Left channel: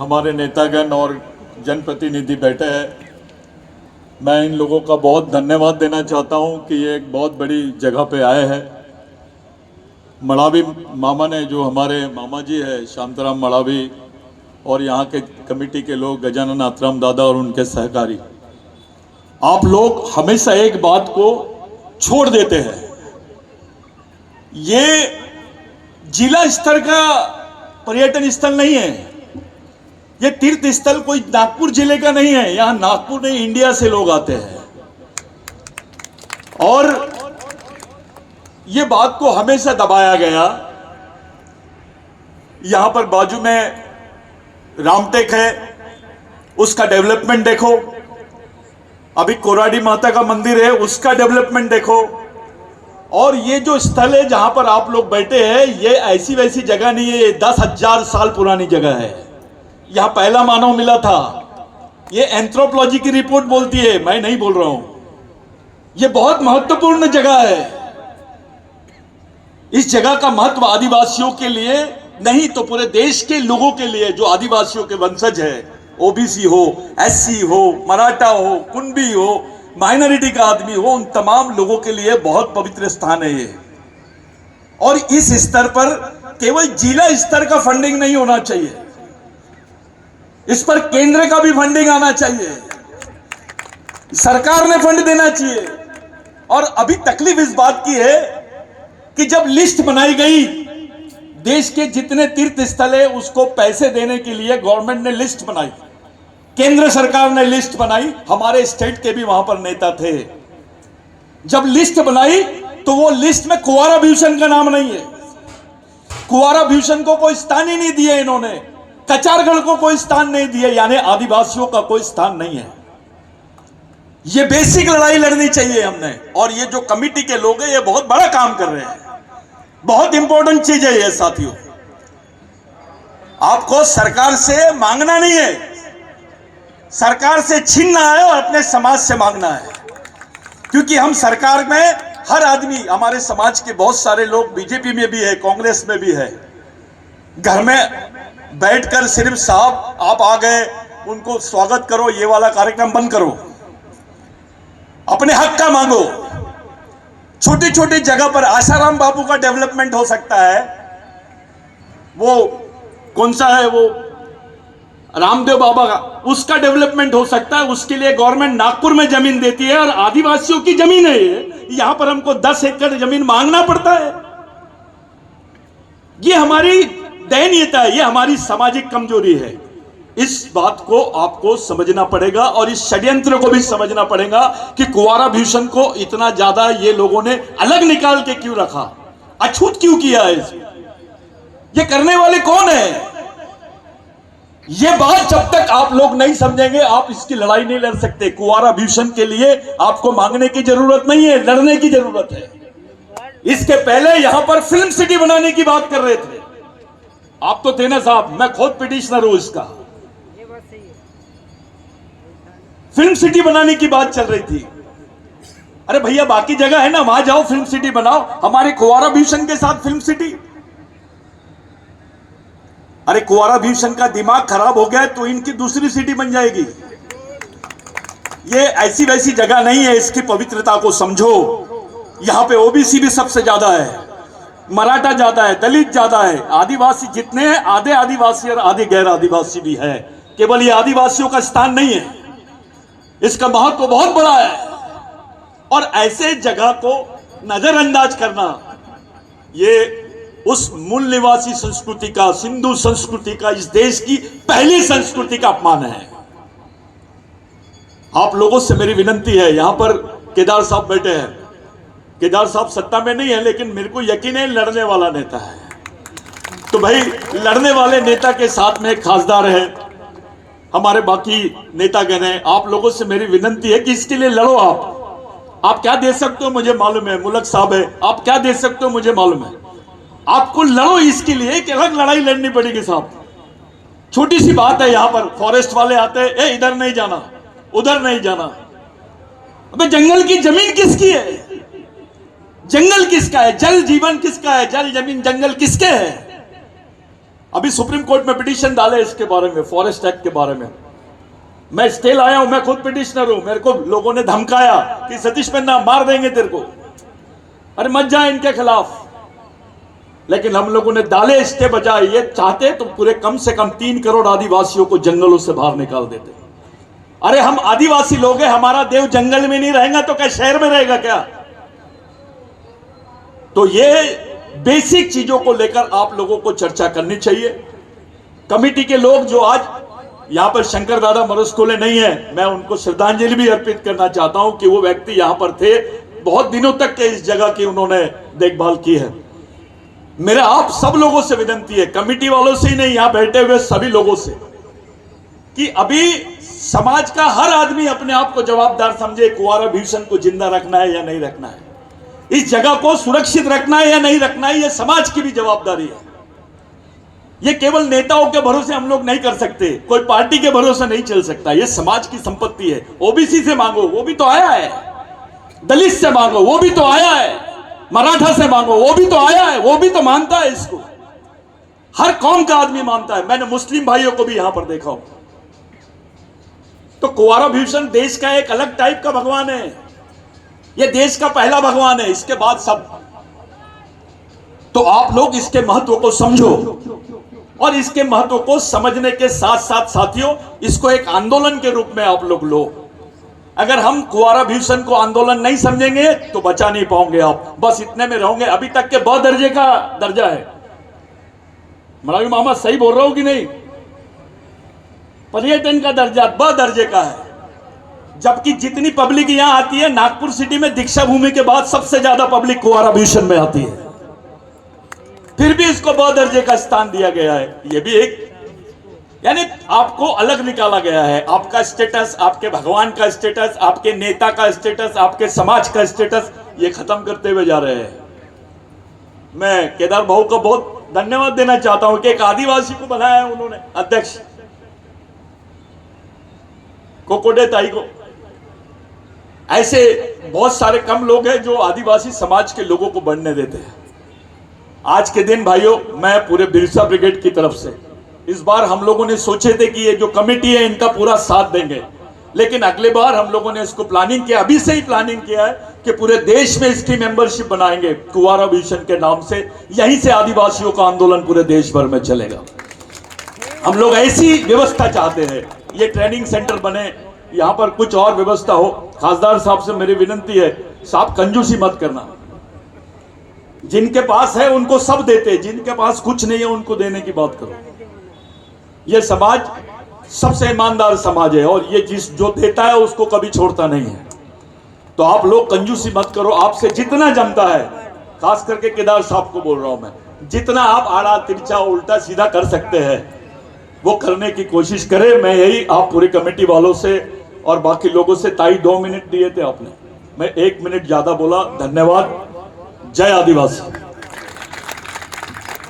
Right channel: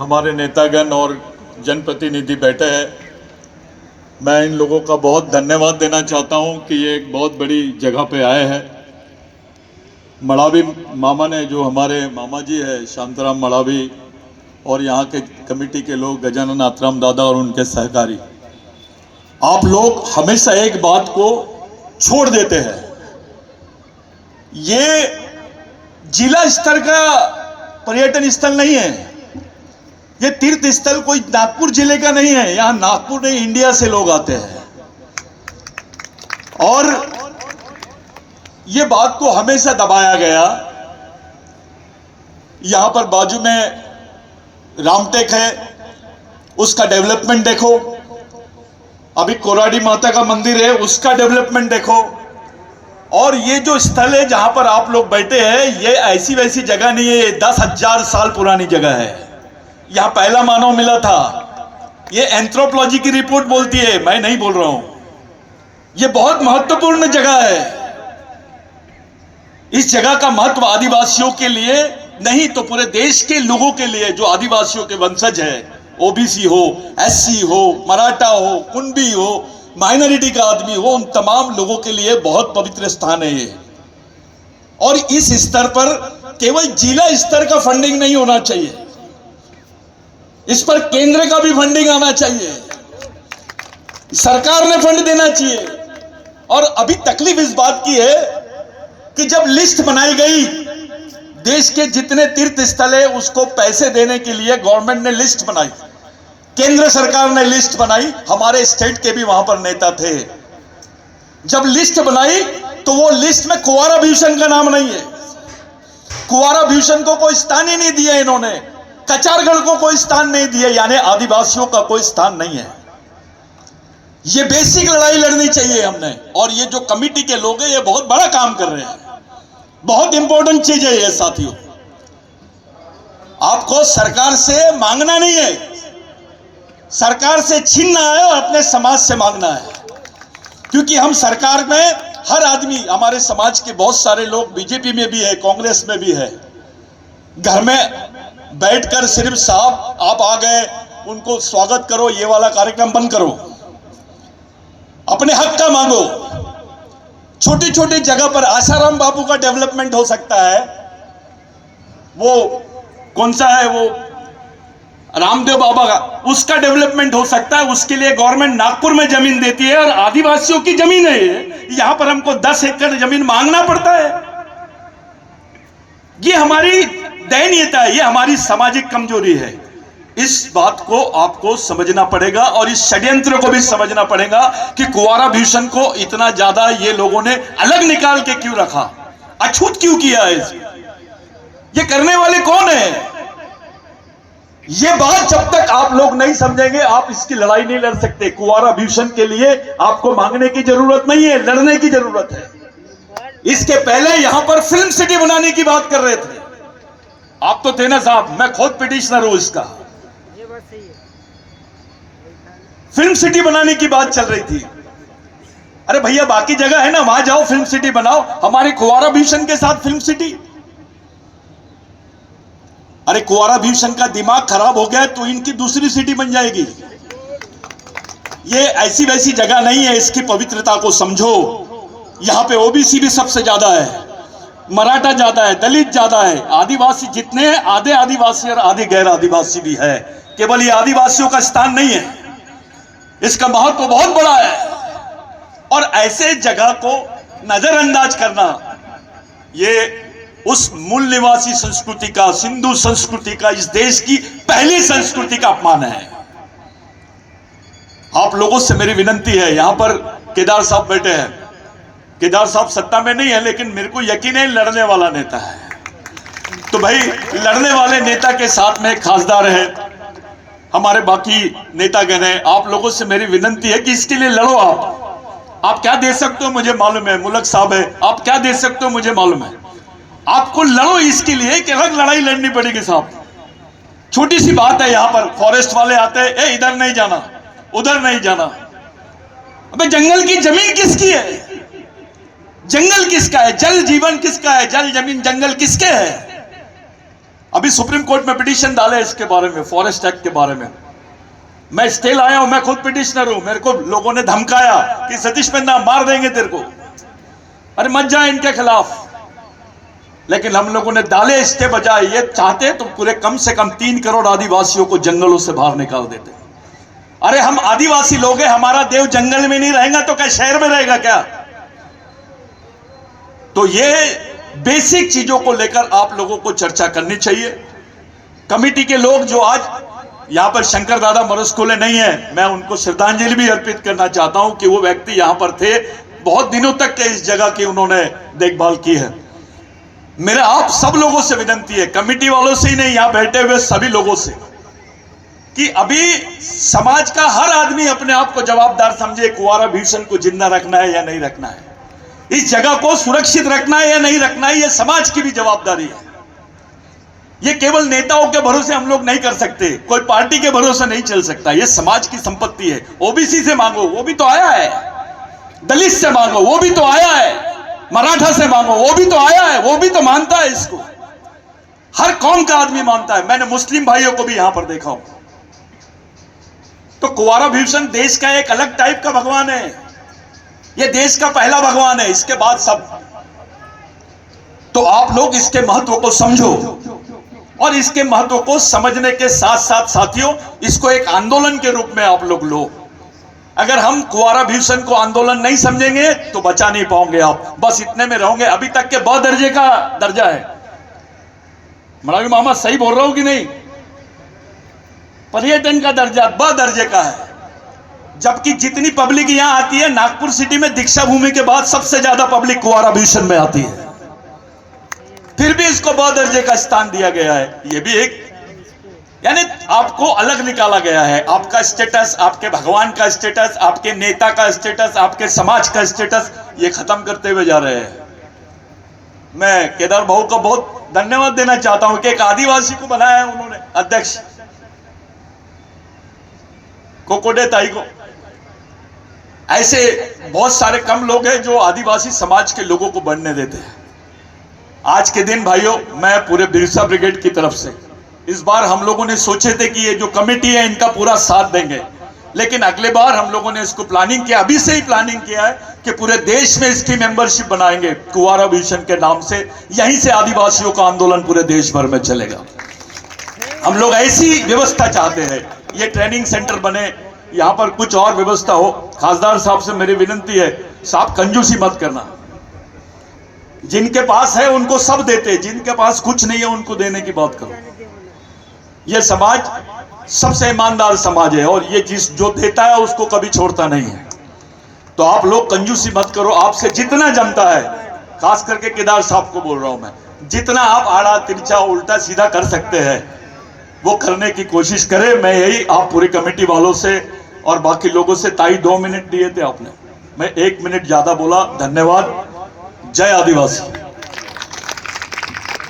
हमारे नेतागण और जनप्रतिनिधि बैठे हैं। मैं इन लोगों का बहुत धन्यवाद देना चाहता हूं कि ये एक बहुत बड़ी जगह पे आए हैं। मड़ावी मामा ने, जो हमारे मामा जी है शांताराम मड़ावी, और यहाँ के कमेटी के लोग गजानन आत्राम दादा और उनके सहकारी, आप लोग हमेशा एक बात को छोड़ देते हैं। ये जिला स्तर का पर्यटन स्थल नहीं है, ये तीर्थ स्थल कोई नागपुर जिले का नहीं है। यहां नागपुर नहीं, इंडिया से लोग आते हैं। और ये बात को हमेशा दबाया गया। यहां पर बाजू में रामटेक है, उसका डेवलपमेंट देखो। अभी कोराडी माता का मंदिर है, उसका डेवलपमेंट देखो। और ये जो स्थल है जहां पर आप लोग बैठे हैं, ये ऐसी वैसी जगह नहीं है, ये 10,000 साल पुरानी जगह है। यहां पहला मानव मिला था। ये एंथ्रोपोलॉजी की रिपोर्ट बोलती है, मैं नहीं बोल रहा हूं। ये बहुत महत्वपूर्ण जगह है। इस जगह का महत्व आदिवासियों के लिए नहीं तो पूरे देश के लोगों के लिए, जो आदिवासियों के वंशज है, ओबीसी हो, एससी हो, मराठा हो, कुणबी हो, माइनॉरिटी का आदमी हो, उन तमाम लोगों के लिए बहुत पवित्र स्थान है ये। और इस स्तर पर केवल जिला स्तर का फंडिंग नहीं होना चाहिए, इस पर केंद्र का भी फंडिंग आना चाहिए, सरकार ने फंड देना चाहिए। और अभी तकलीफ इस बात की है कि जब लिस्ट बनाई गई देश के जितने तीर्थ स्थल है, उसको पैसे देने के लिए गवर्नमेंट ने लिस्ट बनाई, केंद्र सरकार ने लिस्ट बनाई, हमारे स्टेट के भी वहां पर नेता थे। जब लिस्ट बनाई तो वो लिस्ट में कुंवारा भीषण का नाम नहीं है। कुंवारा भीषण को कोई स्थान ही नहीं दिया इन्होंने, कचारगढ़ को कोई स्थान नहीं दिया, यानी आदिवासियों का कोई स्थान नहीं है। ये बेसिक लड़ाई लड़नी चाहिए हमने। और ये जो कमिटी के लोग हैं, ये बहुत बड़ा काम कर रहे हैं, बहुत इंपॉर्टेंट चीज है ये साथियों। आपको सरकार से मांगना नहीं है, सरकार से छीनना है और अपने समाज से मांगना है। क्योंकि हम सरकार में हर आदमी, हमारे समाज के बहुत सारे लोग बीजेपी में भी है, कांग्रेस में भी है। घर में बैठकर सिर्फ साहब आप आ गए, उनको स्वागत करो, ये वाला कार्यक्रम बंद करो, अपने हक का मांगो। छोटी छोटी जगह पर आसाराम बाबू का डेवलपमेंट हो सकता है, वो कौन सा है, वो रामदेव बाबा का, उसका डेवलपमेंट हो सकता है। उसके लिए गवर्नमेंट नागपुर में जमीन देती है और आदिवासियों की जमीन है ये, यहां पर हमको 10 एकड़ जमीन मांगना पड़ता है। ये हमारी दयनीयता है, ये हमारी सामाजिक कमजोरी है। इस बात को आपको समझना पड़ेगा और इस षड्यंत्र को भी समझना पड़ेगा कि कुंवारा भीषण को इतना ज्यादा ये लोगों ने अलग निकाल के क्यों रखा, अछूत क्यों किया है। ये करने वाले कौन है? ये बात जब तक आप लोग नहीं समझेंगे, आप इसकी लड़ाई नहीं लड़ सकते। कुंवारा भीषण के लिए आपको मांगने की जरूरत नहीं है, लड़ने की जरूरत है। इसके पहले यहां पर फिल्म सिटी बनाने की बात कर रहे थे आप, तो थे ना साहब, मैं खुद पिटिशनर हूं इसका। फिल्म सिटी बनाने की बात चल रही थी। अरे भैया, बाकी जगह है ना, वहां जाओ, फिल्म सिटी बनाओ। हमारे कुंवारा भीषण के साथ फिल्म सिटी? अरे कुंवारा भीषण का दिमाग खराब हो गया है तो इनकी दूसरी सिटी बन जाएगी। ये ऐसी वैसी जगह नहीं है, इसकी पवित्रता को समझो। यहां पे ओबीसी भी सबसे ज्यादा है, मराठा ज्यादा है, दलित ज्यादा है, आदिवासी जितने हैं, आधे आदिवासी और आधे गैर आदिवासी भी है। केवल ये आदिवासियों का स्थान नहीं है, इसका महत्व बहुत बड़ा है। और ऐसे जगह को नजरअंदाज करना, ये उस मूल निवासी संस्कृति का, सिंधु संस्कृति का, इस देश की पहली संस्कृति का अपमान है। आप लोगों से मेरी विनती है, यहां पर केदार साहब बैठे हैं। केदार साहब सत्ता में नहीं है, लेकिन मेरे को यकीन है लड़ने वाला नेता है। तो भाई, लड़ने वाले नेता के साथ में खासदार है, हमारे बाकी नेतागण हैं। आप लोगों से मेरी विनती है कि इसके लिए लड़ो। आप क्या दे सकते हो मुझे मालूम है, मुलक साहब है, आप क्या दे सकते हो मुझे मालूम है। आपको लड़ो इसके लिए कि अलग लड़ाई लड़नी पड़ेगी साहब। छोटी सी बात है, यहां पर फॉरेस्ट वाले आते हैं, ए इधर नहीं जाना, उधर नहीं जाना। अबे जंगल की जमीन किसकी है? जंगल किसका है? जल जीवन किसका है? जल जमीन जंगल किसके है? अभी सुप्रीम कोर्ट में पिटीशन डाले इसके बारे में, फॉरेस्ट एक्ट के बारे में। मैं स्टे लाया हूं, मैं खुद पिटिशनर हूं। मेरे को लोगों ने धमकाया कि सतीश पन्ना मार देंगे तेरे को, अरे मत जा इनके खिलाफ। लेकिन हम लोगों ने डाले स्टे बजाए। ये चाहते तो पूरे कम से कम 3 करोड़ आदिवासियों को जंगलों से बाहर निकाल देते। अरे हम आदिवासी लोग हैं, हमारा देव जंगल में नहीं रहेगा तो क्या शहर में रहेगा क्या? तो ये बेसिक चीजों को लेकर आप लोगों को चर्चा करनी चाहिए। कमेटी के लोग जो आज यहां पर शंकर दादा मरुस्कोले नहीं है, मैं उनको श्रद्धांजलि भी अर्पित करना चाहता हूं कि वो व्यक्ति यहां पर थे, बहुत दिनों तक के इस जगह की उन्होंने देखभाल की है। मेरा आप सब लोगों से विनती है, कमेटी वालों से ही नहीं, यहां बैठे हुए सभी लोगों से, कि अभी समाज का हर आदमी अपने आप को जवाबदार समझे। कुंवारा भीषण को जिंदा रखना है या नहीं रखना है, इस जगह को सुरक्षित रखना है या नहीं रखना है, यह समाज की भी जवाबदारी है। ये केवल नेताओं के भरोसे हम लोग नहीं कर सकते, कोई पार्टी के भरोसे नहीं चल सकता। यह समाज की संपत्ति है। ओबीसी से मांगो, वो भी तो आया है। दलित से मांगो, वो भी तो आया है। मराठा से मांगो, वो भी तो आया है, वो भी तो मानता है इसको। हर कौम का आदमी मानता है। मैंने मुस्लिम भाइयों को भी यहां पर देखा। तो कुंवारा भीषण देश का एक अलग टाइप का भगवान है। यह देश का पहला भगवान है, इसके बाद सब। तो आप लोग इसके महत्व को समझो, और इसके महत्व को समझने के साथ साथ साथियों, इसको एक आंदोलन के रूप में आप लोग लो। अगर हम कुंवारा भीषण को आंदोलन नहीं समझेंगे तो बचा नहीं पाओगे आप, बस इतने में रहोगे। अभी तक के ब दर्जे का दर्जा है। मरावी मामा सही बोल रहा हूं कि नहीं? पर्यटन का दर्जा ब दर्जे का है। जबकि जितनी पब्लिक यहां आती है, नागपुर सिटी में दीक्षा भूमि के बाद सबसे ज्यादा पब्लिक कुंवारा भीषण में आती है, फिर भी इसको ब दर्जे का स्थान दिया गया है। यह भी एक, यानी आपको अलग निकाला गया है। आपका स्टेटस, आपके भगवान का स्टेटस, आपके नेता का स्टेटस, आपके समाज का स्टेटस, ये खत्म करते हुए जा रहे हैं। मैं केदार भाऊ को बहुत धन्यवाद देना चाहता हूं कि एक आदिवासी को बनाया है उन्होंने अध्यक्ष, कोकोडे ताई को। ऐसे बहुत सारे कम लोग हैं जो आदिवासी समाज के लोगों को बढ़ने देते हैं। आज के दिन भाइयों, मैं पूरे बिरसा ब्रिगेड की तरफ से, इस बार हम लोगों ने सोचे थे कि ये जो कमेटी है इनका पूरा साथ देंगे, लेकिन अगले बार हम लोगों ने इसको प्लानिंग किया, अभी से ही प्लानिंग किया है कि पूरे देश में इसकी मेंबरशिप बनाएंगे कुंवारा भीषण के नाम से। यहीं से आदिवासियों का आंदोलन पूरे देश भर में चलेगा। हम लोग ऐसी व्यवस्था चाहते हैं, ये ट्रेनिंग सेंटर बने, यहां पर कुछ और व्यवस्था हो। खासदार साहब से मेरी विनती है, साहब कंजूसी मत करना। जिनके पास है उनको सब देते, जिनके पास कुछ नहीं है उनको देने की बात करो। यह समाज सबसे ईमानदार समाज है, और ये जो देता है उसको कभी छोड़ता नहीं है। तो आप लोग कंजूसी मत करो। आपसे जितना जमता है, खास करके केदार साहब को बोल रहा हूं मैं, जितना आप आड़ा तिरछा उल्टा सीधा कर सकते हैं वो करने की कोशिश करें। मैं यही आप पूरी कमेटी वालों से और बाकी लोगों से, ताई 2 मिनट दिए थे आपने, मैं 1 मिनट ज्यादा बोला। धन्यवाद। जय आदिवासी।